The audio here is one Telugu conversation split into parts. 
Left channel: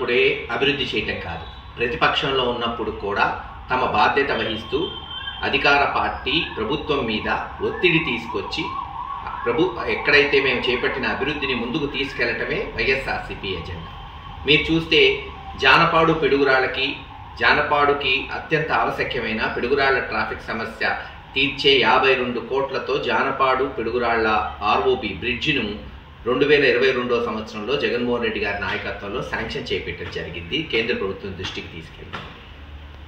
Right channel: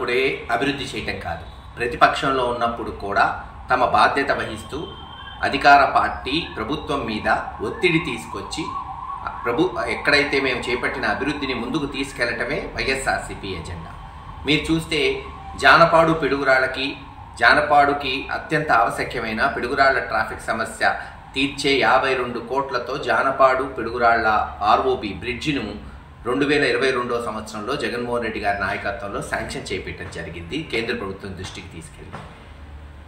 ఉన్నప్పుడే అభివృద్ధి చేయటం కాదు, ప్రతిపక్షంలో ఉన్నప్పుడు కూడా తమ బాధ్యత వహిస్తూ అధికార పార్టీ ప్రభుత్వం మీద ఒత్తిడి తీసుకొచ్చి ఎక్కడైతే మేము చేపట్టిన అభివృద్ధిని ముందుకు తీసుకెళ్లటమే వైఎస్ఆర్సీపీ ఎజెండా. మీరు చూస్తే జానపాడుకి అత్యంత ఆవశ్యకమైన పిడుగురాళ్ల ట్రాఫిక్ సమస్య తీర్చే 52 కోట్లతో జానపాడు పిడుగురాళ్ల ఆర్ఓబి బ్రిడ్జిను 2022 సంవత్సరంలో జగన్మోహన్ రెడ్డి గారి నాయకత్వంలో శాంక్షన్ చేపట్టడం జరిగింది. కేంద్ర ప్రభుత్వం దృష్టికి తీసుకెళ్ళి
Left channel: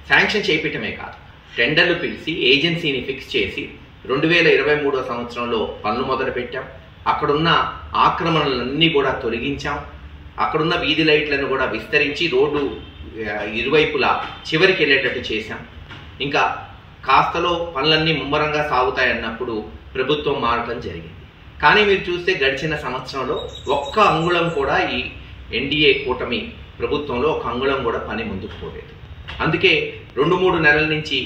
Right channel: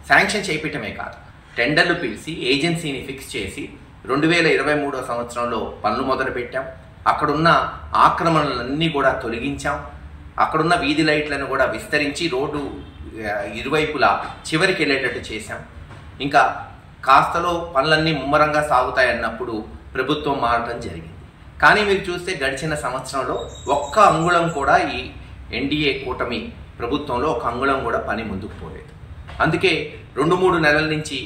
శాంక్షన్ చేపట్టమే కాదు, టెండర్లు పిలిచి ఏజెన్సీని ఫిక్స్ చేసి 2023 సంవత్సరంలో పనులు మొదలుపెట్టాం. అక్కడున్న ఆక్రమణలన్నీ కూడా తొలగించాం. అక్కడున్న వీధి లైట్లను కూడా విస్తరించి రోడ్డు ఇరువైపులా చివరికి వెళ్ళేటట్టు చేశాం. ఇంకా కాస్తలో పనులన్నీ ముమ్మరంగా సాగుతాయన్నప్పుడు ప్రభుత్వం మారటం జరిగింది. కానీ మీరు చూస్తే గడిచిన సంవత్సరంలో ఒక్క అంగుళం కూడా ఈ ఎన్డీఏ కూటమి ప్రభుత్వంలో ఒక అంగుళం కూడా పని ముందుకు పోలేదు. అందుకే 2-3 నెలల నుంచి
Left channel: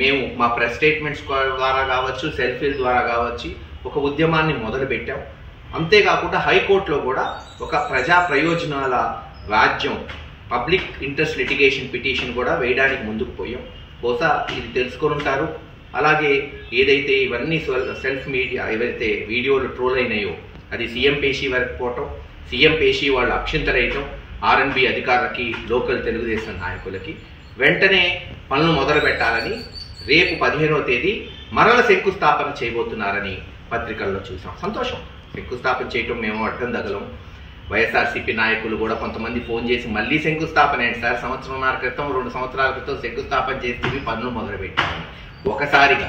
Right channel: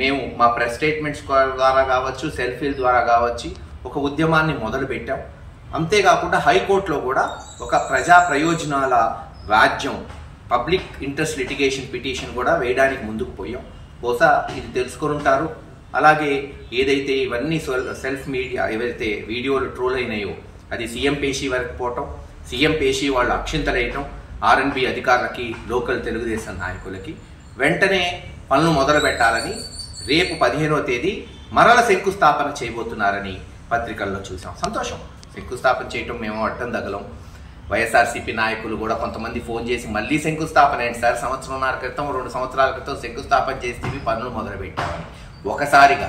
మేము మా ప్రెస్ స్టేట్మెంట్స్ ద్వారా కావచ్చు, సెల్ఫీల ద్వారా కావచ్చు ఒక ఉద్యమాన్ని మొదలుపెట్టాం. అంతేకాకుండా హైకోర్టులో కూడా ఒక ప్రజా ప్రయోజనాల రాజ్యం పబ్లిక్ ఇంట్రెస్ట్ లిటిగేషన్ పిటిషన్ కూడా వేయడానికి ముందుకు పోయాం. బహుశా ఇది తెలుసుకొని ఉంటారు. అలాగే ఏదైతే ఇవన్నీ సెల్ఫ్ మీడియా ఏవైతే వీడియోలు ట్రోల్ అయినాయో అది సీఎం పేషీ వరకు పోవటం, సీఎం పేషీ వాళ్ళు అక్షింతలేయటం, ఆర్ఎన్బి అధికారులకి, లోకల్ తెలుగుదేశం నాయకులకి వెంటనే పనులు మొదలు పెట్టాలని రేపు 15వ తేదీ మరల శంకుస్థాపన చేయబోతున్నారని పత్రికల్లో చూసాం. సంతోషం, శంకుస్థాపన చేయటం మేము అడ్డం తగలం. వైఎస్ఆర్సీపీ నాయకులు కూడా కొంతమంది ఫోన్ చేసి మళ్ళీ శంకుస్థాపన ఏంటి సార్, 1.5 సంవత్సరాల క్రితం 2 సంవత్సరాల క్రితం శంకుస్థాపన చేస్తే పనులు మొదలుపెట్టామని. ఒకసారిగా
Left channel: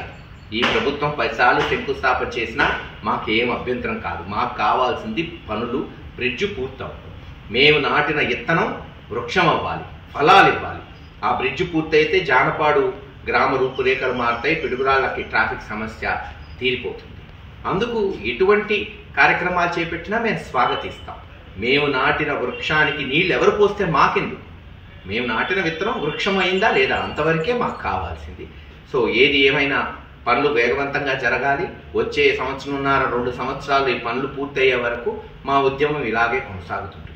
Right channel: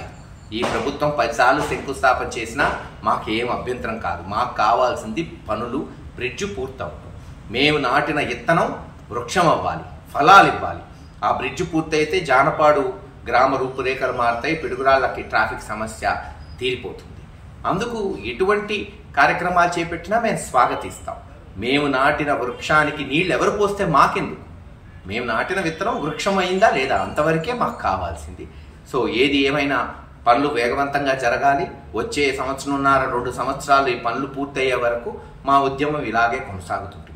ఈ ప్రభుత్వం 10 సార్లు శంకుస్థాపన చేసినా మాకేం అభ్యంతరం కాదు. మాకు కావాల్సింది పనులు, బ్రిడ్జ్ పూర్తవ్వాలి. మేము నాటిన ఇత్తనం వృక్షం అవ్వాలి, ఫలాలు ఇవ్వాలి. ఆ బ్రిడ్జ్ పూర్తయితే జానపాడు గ్రామ రూపురేఖలు మారుతాయి, పిడుగురాళ్ళకి ట్రాఫిక్ సమస్య తీరిపోతుంది. అందుకు ఎటువంటి కార్యక్రమాలు చేపట్టినా మేము స్వాగతిస్తాం. మేము నాటిన వృక్షానికి నీళ్ళు ఎవరు పోస్తే మాకెందుకు? మేము నాటిన విత్తనం వృక్షం అయిందా లేదా అంతవరకే మాకు కావాల్సింది. సో ఏది ఏమైనా పనులు వేగవంతంగా జరగాలి. వచ్చే 1.5-2 సంవత్సరాలు ఈ పనులు పూర్తయ్యే వరకు మా ఉద్యమం ఇలాగే కొనసాగుతుంది.